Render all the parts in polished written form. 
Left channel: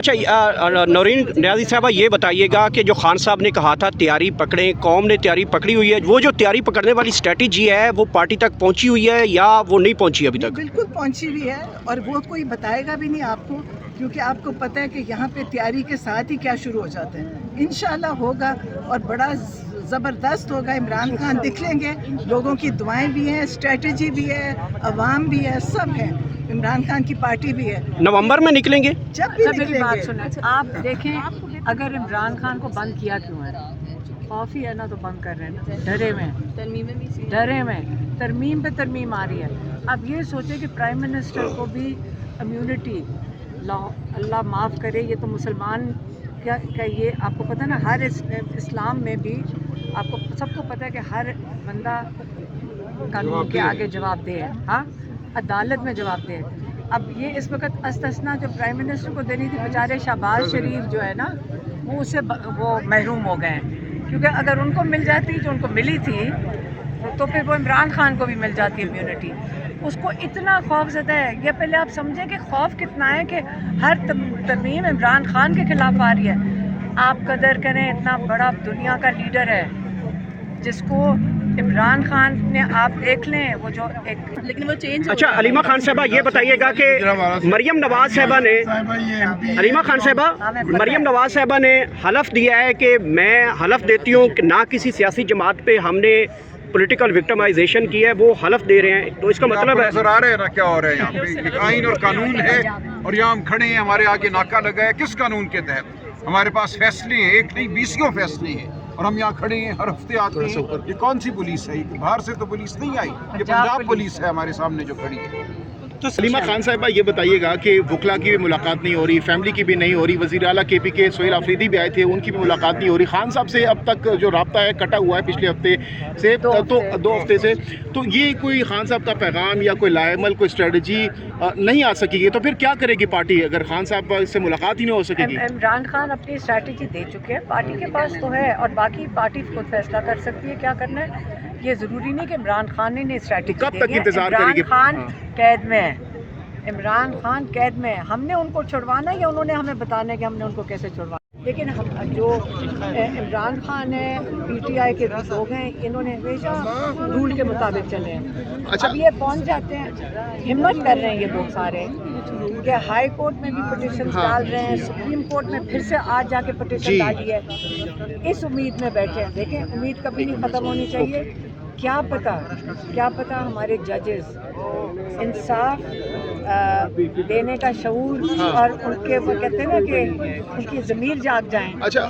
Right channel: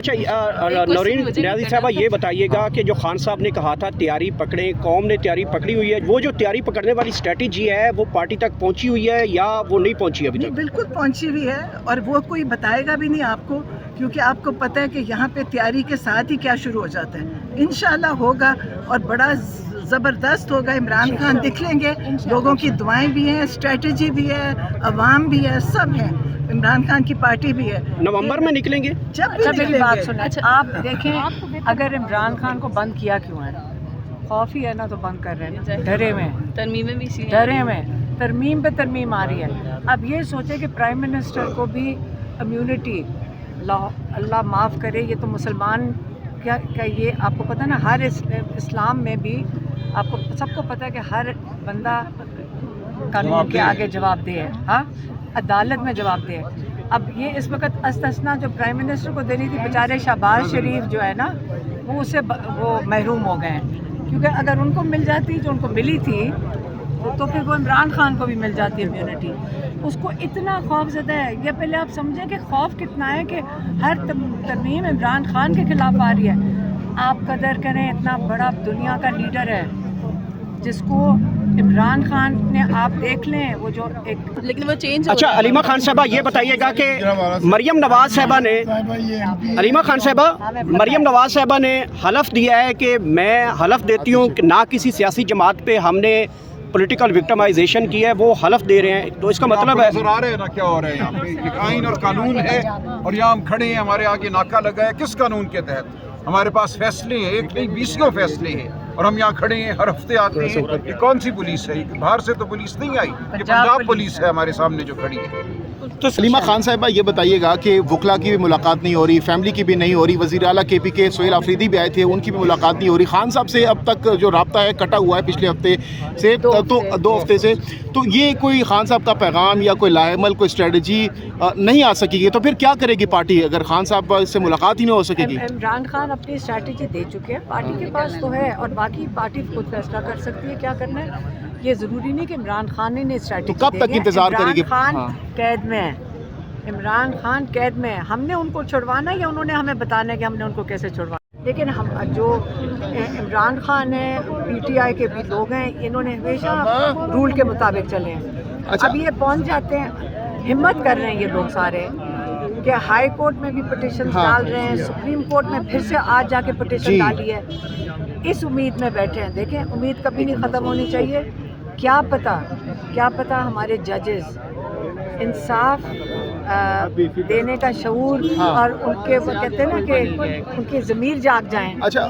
अच्छा नौरीन नियाज़ी साहबा, ये बताइएगा कि जो खान साहब ने कहा था तैयारी पकड़ें, कौम ने तैयारी पकड़ी हुई है, वो जो तैयारी पकड़ने वाली स्ट्रेटजी है वो पार्टी तक पहुंची हुई है या वो नहीं पहुंची अभी तक? बिल्कुल पहुंची हुई है, और वो कोई बताएगा भी नहीं आपको, क्योंकि आपको पता है कि यहाँ पे तैयारी के साथ ही क्या शुरू हो जाता है। इंशाल्लाह होगा और बड़ा ज़बरदस्त होगा। इमरान खान दिख लेंगे, लोगों की दुआएं भी हैं, स्ट्रेटजी भी है, अवाम भी है, सब है। इमरान खान की पार्टी भी है। नवंबर में निकलेंगे? जब भी मेरी बात निकलेंगे। सुना, आप देखें अगर इमरान खान को बंद किया क्यों है? खौफ ही है ना, तो बंद कर रहे हैं, डरे में, तरमीमें भी डरे में, तरमीम पे तरमीम आ रही है। अब ये सोचे कि प्राइम मिनिस्टर को भी इम्यूनिटी, अल्लाह माफ़ करे, ये तो मुसलमान क्या ये आपको पता है ना, हर इस्लाम में भी आपको सबको पता है कि हर बंदा कानून के आगे जवाब दे है, हाँ, अदालत में जवाब दे। अब ये इस वक्त अस्तस्ना जो प्राइम मिनिस्टर को देनी थी, बेचारे शहबाज शरीफ जो है ना, वो उससे वो महरूम हो गए हैं, क्योंकि अगर उनको मिल जाती जो उनको मिली थी तो फिर वो इमरान खान को भी मिल जाती इम्यूनिटी। उसको इतना खौफ ज़दा है, ये पहले आप समझें कि खौफ कितना है कि हर तरमीम इमरान खान के ख़िलाफ़ आ रही है। आप कदर करें, इतना बड़ा दुनिया का लीडर है जिसको इमरान खान ने, आप देख लें वो जो एक, लेकिन वो चेंज। अच्छा अलीमा खान साहबा, ये बताइएगा कि मरियम नवाज साहबा ने, अलीमा खान साहबा, मरियम नवाज साहबा ने हलफ दिया है कि मैं हलफ देती हूँ कि ना किसी सियासी जमात पे हमने पॉलिटिकल विक्टिमाइजेशन की है, वो हलफ दे रहे हैं, तो इसका मतलब है नजर आ रहे हैं ना क्या हो रहा है यहाँ पे? एक आइन और कानून है और यहाँ हम खड़े हैं, हमारे आगे नाका लगा है। किस कानून के तहत? हमारे पास फैसले हैं, एक नहीं 20 फैसले हैं, और हम यहाँ खड़े हैं, हर हफ्ते आते हैं। ये कौन सी पुलिस है? बाहर से तो पुलिस नहीं आई, ये पंजाब पुलिस है हमारे सामने जो खड़ी है। तो सलीमा खान साहिबा, ये बताइएगा कि वकला की भी मुलाकात नहीं हो रही, फैमिली की भी नहीं हो रही, वज़ीर आला KP के सोहेल आफरीदी भी आए थे, उनकी भी मुलाकात नहीं हो रही, खान साहब से अब तक जो राब्ता है कटा हुआ है पिछले हफ्ते से, तो 2 हफ्ते से। तो ये कोई खान साहब का पैगाम या कोई लाएमल, कोई स्ट्रेटजी नहीं आ सकेगी, तो फिर क्या करेगी पार्टी अगर खान साहब से मुलाकात ही नहीं हो सकेगी? इमरान खान अपनी स्ट्रैटेजी दे चुके हैं, पार्टी के पास तो है, और बाकी पार्टी खुद फैसला कर सकती है क्या करना है। ये ज़रूरी नहीं कि इमरान खान ने स्ट्रैटेजी, कब तक इंतजार करेगी? इमरान खान कैद में है, इमरान खान कैद में है। हमने उनको छुड़वाना है या उन्होंने हमें बताना है कि हमने उनको कैसे छुड़वाना? लेकिन हम जो इमरान खान है, PTI के भी लोग हैं, इन्होंने हमेशा रूल के मुताबिक चले हैं। अच्छा। अब ये पहुंच जाते हैं, हिम्मत कर रहे हैं ये लोग सारे कि हाई कोर्ट में भी पिटीशन डाल रहे हैं, सुप्रीम कोर्ट में फिर से आज जाके पिटीशन डाली है। इस उम्मीद में बैठे हैं। देखें, उम्मीद कभी नहीं ख़त्म होनी चाहिए। क्या पता हमारे जजेस इंसाफ देने का शऊर और उनके, वो कहते हैं ना कि उनकी ज़मीर जाग जाएं। अच्छा।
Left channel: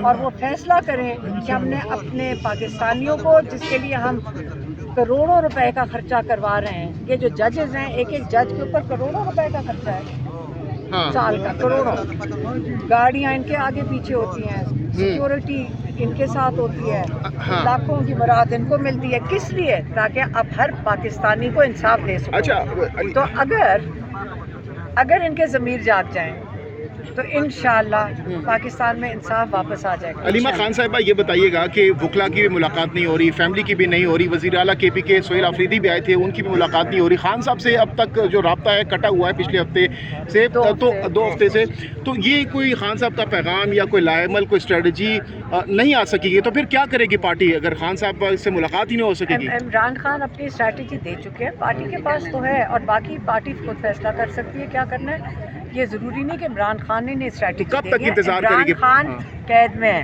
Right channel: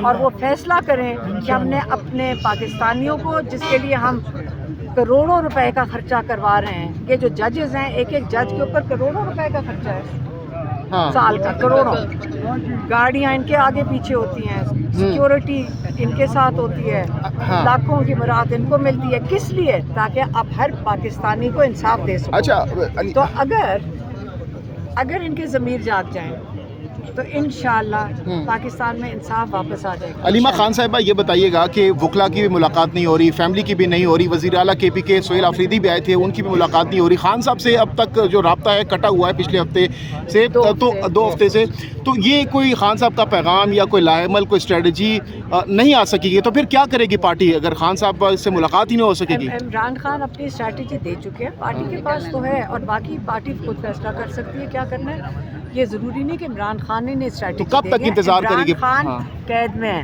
और वो फैसला करें कि हमने अपने पाकिस्तानियों को, जिसके लिए हम करोड़ों रुपए का खर्चा करवा रहे हैं, ये जो जजेस हैं, एक जज के ऊपर करोड़ों रुपए का खर्चा है, साल का करोड़ों। गाड़ियाँ इनके आगे पीछे होती हैं, सिक्योरिटी इनके साथ होती है, लाखों की मुराद इनको मिलती है। किस लिए? ताकि अब हर पाकिस्तानी को इंसाफ दे सके। अच्छा, तो अगर इनके ज़मीर जाग जाएं तो इंशाअल्लाह पाकिस्तान में इंसाफ वापस आ जाएगा। अलीमा खान साहिबा, ये बताइएगा कि वकला की भी मुलाकात नहीं हो रही, फैमिली की भी नहीं हो रही, वज़ीर आला KP के सोहेल आफरीदी भी आए थे, उनकी भी मुलाकात नहीं हो रही, खान साहब से अब तक जो राब्ता है कटा हुआ है पिछले हफ्ते से, तो 2 हफ्ते से। तो ये कोई खान साहब का पैगाम या कोई लाएमल, कोई स्ट्रेटजी नहीं आ सकेगी, तो फिर क्या करेगी पार्टी अगर खान साहब से मुलाकात ही नहीं हो सकेगी? इमरान खान अपनी स्ट्रैटेजी दे चुके हैं, पार्टी के पास तो है, और बाकी पार्टी खुद फैसला कर सकती है क्या करना है। ये ज़रूरी नहीं कि इमरान खान ने स्ट्रैटेजी, तो कब तक इंतजार करेगी? इमरान खान कैद में है,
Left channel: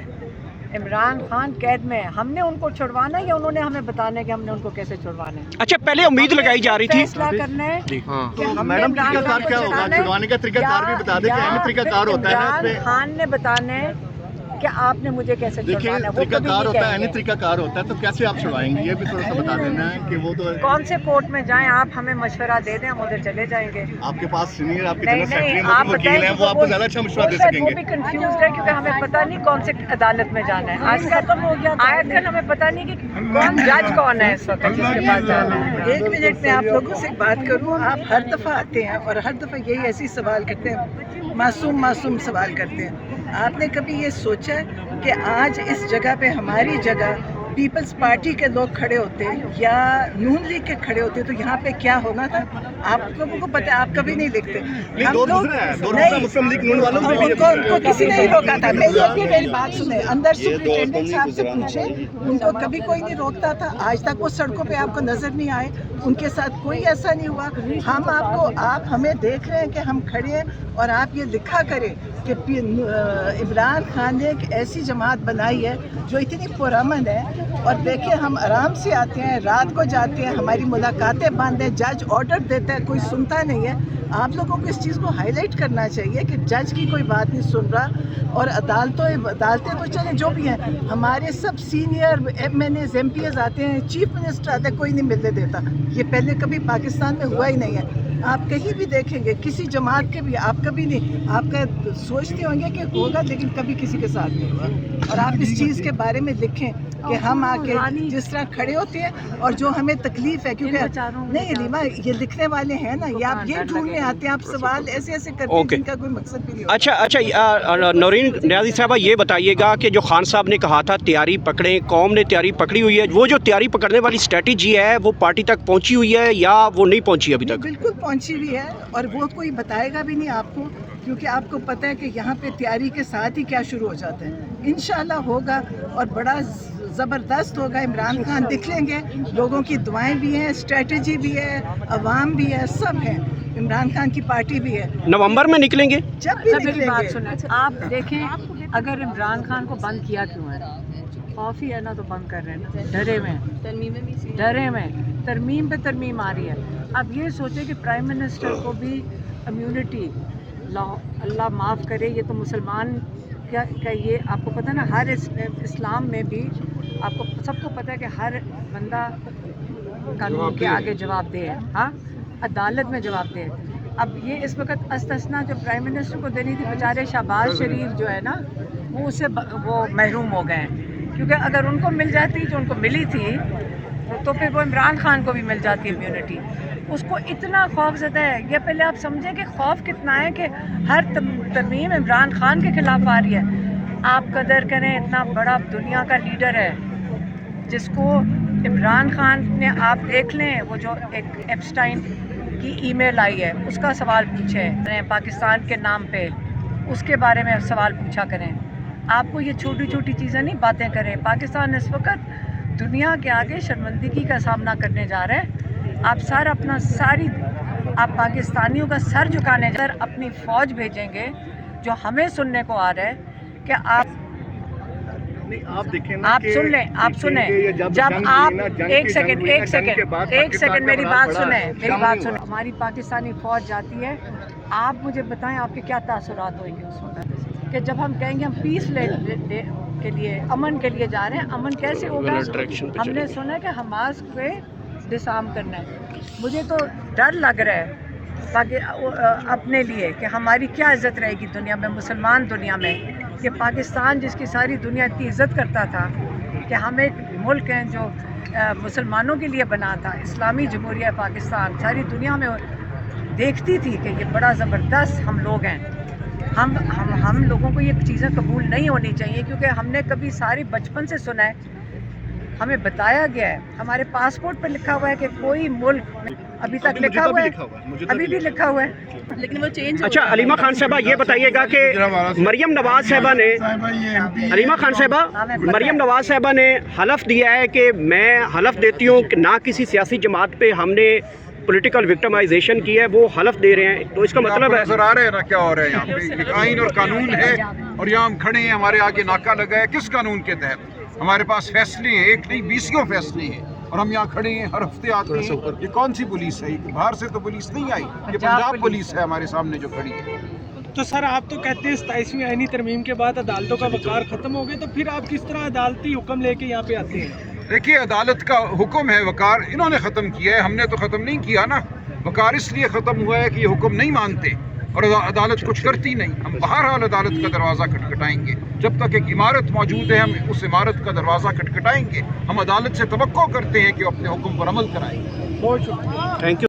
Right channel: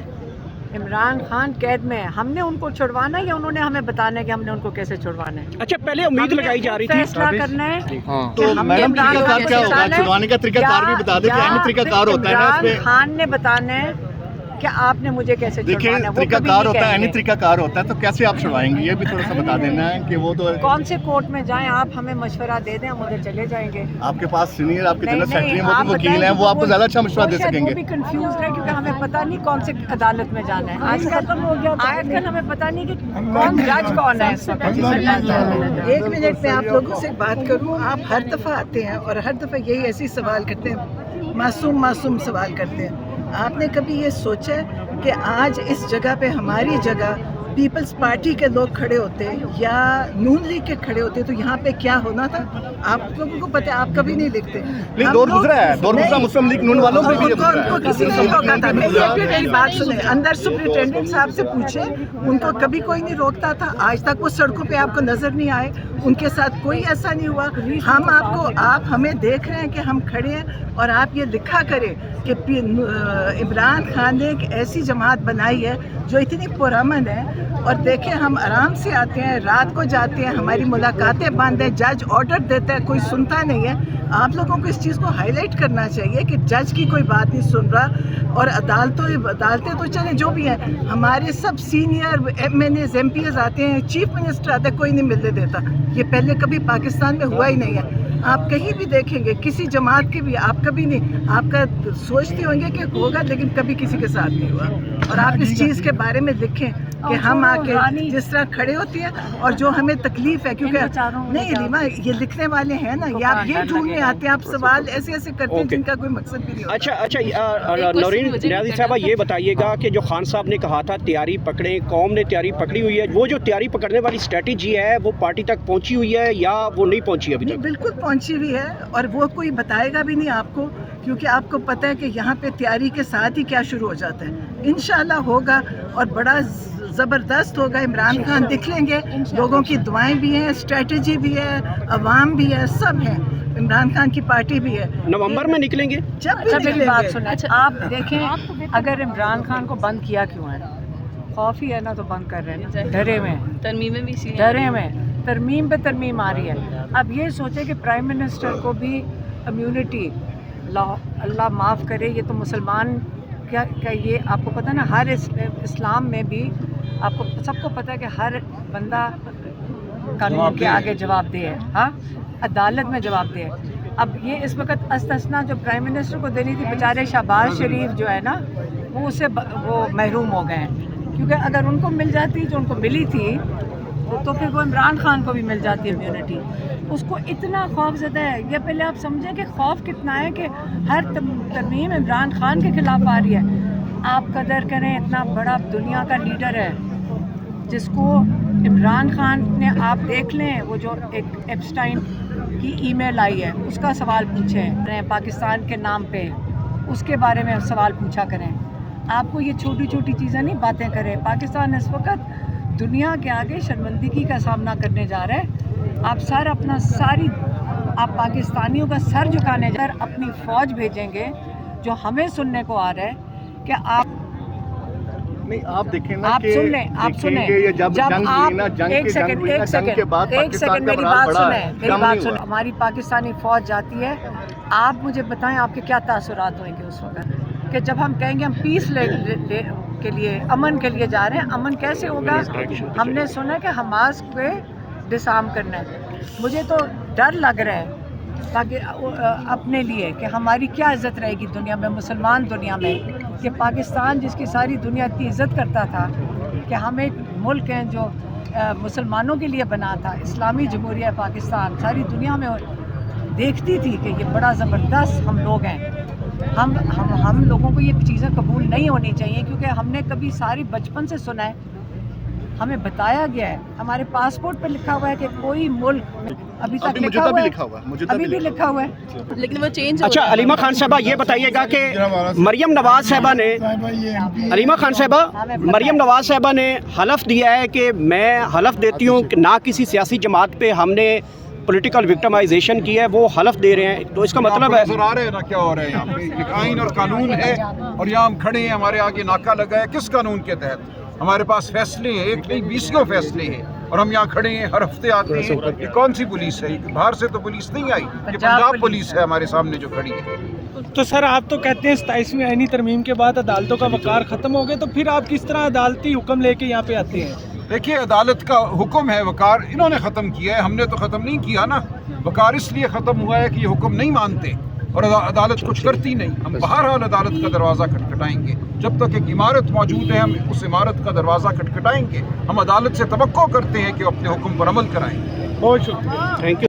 इमरान खान कैद में है। हमने उनको छुड़वाना है या उन्होंने हमें बताना है कि हमने उनको कैसे छुड़वाना है? अच्छा, पहले उम्मीद लगाई जा रही थी, फैसला करना है। तो हमने इमरान खान को छुड़वाने का तरीकाकार भी बता दें, तरीकाकार होता है ना इमरान उसमें? खान ने बताना है कि आपने मुझे कैसे छुड़वाना है, वो कभी तरीकाकार नहीं होता है, कहेंगे। तरीकाकार होता है, तो कैसे आप छुड़वाएंगे ये भी थोड़ा सा बता देना है कि वो तो कौन से कोर्ट में जाएं, आप हमें मशवरा दे दें, हम उधर चले जाएंगे। आपके पास सीनियर, आपके नहीं जनरल नहीं, सेक्रेटरी, आप वकील हैं, वो आपको ज़्यादा अच्छा मशवरा दे शायद सकेंगे। वो भी कंफ्यूज है, क्योंकि हमें पता नहीं कौन से अदालत में जाना है। आज खत्म हो गया, आजकल हमें पता नहीं कि कौन जज कौन है इस वक्त जिसके पास जाना है। 1 मिनट में आप लोगों से बात करूं। आप हर दफ़ा आते हैं और हर दफ़ा यही ऐसी सवाल करते हैं, मासूम सवाल करते हैं। आपने कभी ये सोचा है कि आज इस जगह पे, हमारी जगह, पीपल्स पार्टी के लोग खड़े होते या नून लीग के खड़े होते तो यहाँ पे क्या होना था? आप लोगों को पता है, आप कभी नहीं लिखते। हम लोग नहीं, उनको किसी ने नहीं रोका था। मैं ये भी मेरी बात सुने, अंदर सुप्रिंटेंडेंट साहब से पूछे, उनको कभी कोई नहीं रोकता था। आज तक वो सड़कों पे आपको नजर नहीं आए, उनके साथ कोई ऐसा नहीं हुआ। हम आप हमें देख रहे हैं कि हम खड़े हैं और आप ये लिखा करें कि इमरान खान ने एक ऐसी जमात बनाई है जो इतनी पुरअमन है। और देखें, हम आराम से आते हैं, रात को जाते हैं, हमारी मुलाकातें बंद हैं, जज ऑर्डर देता है, कोई सुनता नहीं है। आप लोगों को इस चीज़ को हाईलाइट करना चाहिए कि जज की कोई बात नहीं सुन रहा। और अदालतें तो चले जो भी हैं, हमारे सब सीनियर MNAs MPs आते हैं, चीफ मिनिस्टर आते हैं, कोई नहीं मिलने देता। ये पहले कभी पाकिस्तान में हुआ ही नहीं है। आप कहीं भी देखेंगे किसी जमात के भी, आप कभी नहीं, आपका सोचते होंगे कि होगा, लेकिन कभी किसी के साथ नहीं हुआ। और आप इस चीज़ के बारे में लिखें कि हम आके जिस तरह खड़े होते हैं और जो हमें तकलीफ है, क्योंकि नहीं रीमा, ये लिखने वाले हैं ना, ये आप ये ढूंढने आते हैं, आप सवाल ऐसे ऐसे करते हैं जिनका कोई मकसद भी नहीं होता। अच्छा, नौरीन नियाज़ी साहबा, ये बताइएगा कि जो खान साहब ने कहा था तैयारी पकड़ें, कौम ने तैयारी पकड़ी हुई है, वो जो तैयारी पकड़ने वाली स्ट्रेटजी है वो पार्टी तक पहुंची हुई है या वो नहीं पहुंची अभी तक? बिल्कुल पहुंची हुई है, और वो कोई बताएगा भी नहीं आपको, क्योंकि आपको पता है कि यहाँ पे तैयारी के साथ ही क्या शुरू हो जाता है। इंशाल्लाह होगा और बड़ा ज़बरदस्त होगा। इमरान खान दिख लेंगे, लोगों की दुआएं भी हैं, स्ट्रेटजी भी है, अवाम भी है, सब है। इमरान खान की पार्टी भी है। नवंबर में निकलेंगे? जब भी निकलेंगे। बात सुना, आप देखें, अगर इमरान खान को बंद किया क्यों है? खौफ ही है ना, तो बंद कर रहे हैं, डरे में, डरे में, तरमीम पे तरमीम आ रही है। अब ये सोचे कि प्राइम मिनिस्टर को भी इम्यूनिटी, अल्लाह माफ़ करे, ये तो मुसलमान क्या ये आपको पता है ना, हर इस्लाम में भी आपको सबको पता है कि हर बंदा कानून के आगे जवाबदेह है, हाँ, अदालत में जवाबदेह है। अब ये इस वक्त अस्तस्ना जो प्राइम मिनिस्टर को देनी थी, बेचारे शहबाज शरीफ जो है ना, वो उससे वो महरूम हो गए हैं, क्योंकि अगर उनको मिल जाती जो उनको मिली थी तो फिर वो इमरान खान को भी मिल जाती है इम्यूनिटी। उसको इतना खौफ ज़दा है, ये पहले आप समझें कि खौफ कितना है कि हर तरमीम इमरान खान के ख़िलाफ़ आ रही है। आप कदर करें, इतना बड़ा दुनिया का लीडर है जिसको इमरान खान ने, आप देख लें, वो जो एक एप्स्टाइन की ईमेल आई है उसका सवाल पूछे हैं पाकिस्तान के नाम पे, उसके बारे में सवाल पूछा करें। आपको ये छोटी छोटी चीज़ें नहीं बातें करें। पाकिस्तान इस वक्त दुनिया के आगे शर्मिंदगी का सामना करने जा रहे हैं। आप आप पाकिस्तानियों का सर झुकाने जा रहे हैं, अपनी फ़ौज भेजेंगे। जो हमें सुनने को आ रहा है कि आप नहीं, आप देखें ना, आप सुन लें, आप सुने, जब आप एक सेकंड मेरी बात सुने, हमारी पाकिस्तानी फ़ौज जाती है, आप मुझे बताएं आपके क्या तासुरात होंगे उस वक्त कि जब हम कहेंगे हम पीस के लिए, अमन के लिए जा रहे हैं। अमन कैसे होगा? हमने सुना कि हमास पे डिसआर्म करना है। मुझे तो डर लग रहा है ताकि अपने लिए कि हमारी क्या इज़्ज़त रहेगी दुनिया में, मुसलमान दुनिया में, कि पाकिस्तान जिसकी सारी दुनिया इतनी इज़्ज़त करता था कि हम एक मुल्क हैं जो मुसलमानों के लिए बना था, इस्लामी जमहूरिया पाकिस्तान, सारी दुनिया में देखती थी कि ये बड़ा ज़बरदस्त हम लोग हैं। हम लोगों को ये चीज़ें कबूल नहीं होनी चाहिए, क्योंकि हमने कभी सारी बचपन से सुना है, हमें बताया गया है, हमारे पासपोर्ट पर लिखा हुआ है कि कोई मुल्क, अभी तक लिखा हुआ है, अभी भी लिखा हुआ है, लेकिन वो चेंज। अच्छा, अलीमा खान साहबा, ये बताइएगा कि मरियम नवाज साहबा ने, अलीमा खान साहबा, मरियम नवाज साहबा ने हलफ दिया है कि मैं हलफ देती हूँ कि ना किसी सियासी जमात पे हमने पॉलिटिकल विक्टिमाइजेशन की है, वो हलफ दे रहे हैं। तो इसका मतलब है, नजर आ रहे हैं ना क्या हो रहा है यहाँ पे? एक आइन और कानून है और यहाँ हम खड़े हैं, हमारे आगे नाका लगा है। किस कानून के तहत? हमारे पास फैसले हैं, एक नहीं 20 फैसले हैं, और हम यहाँ खड़े हैं, हर हफ्ते आते हैं। ये कौन सी पुलिस है? ये बाहर से तो पुलिस नहीं आई, ये पंजाब पुलिस है हमारे सामने जो खड़ी है। तो सर, आप तो कहते हैं 27वीं आईनी तरमीम के बाद अदालतों का वकार ख़त्म हो गया, तो फिर आप किस तरह अदालती हुक्म लेके यहाँ पे आते हैं? देखिए, अदालत का हुक्म है, वकार इन्होंने ख़त्म किया है, हमने तो ख़त्म नहीं किया ना। वकार इसलिए ख़त्म हुआ है कि ये हुक्म नहीं मानते और अदालत कुछ करती नहीं। हम बहरहाल अदालत का दरवाज़ा खटखटाएंगे, जब तक एक इमारत मौजूद है हम उस इमारत का दरवाज़ा खटखटाएंगे। हम अदालत से तवक्को करते हैं कि वो अपने हुक्म पर अमल कराएं। बहुत शुक्रिया, थैंक यू।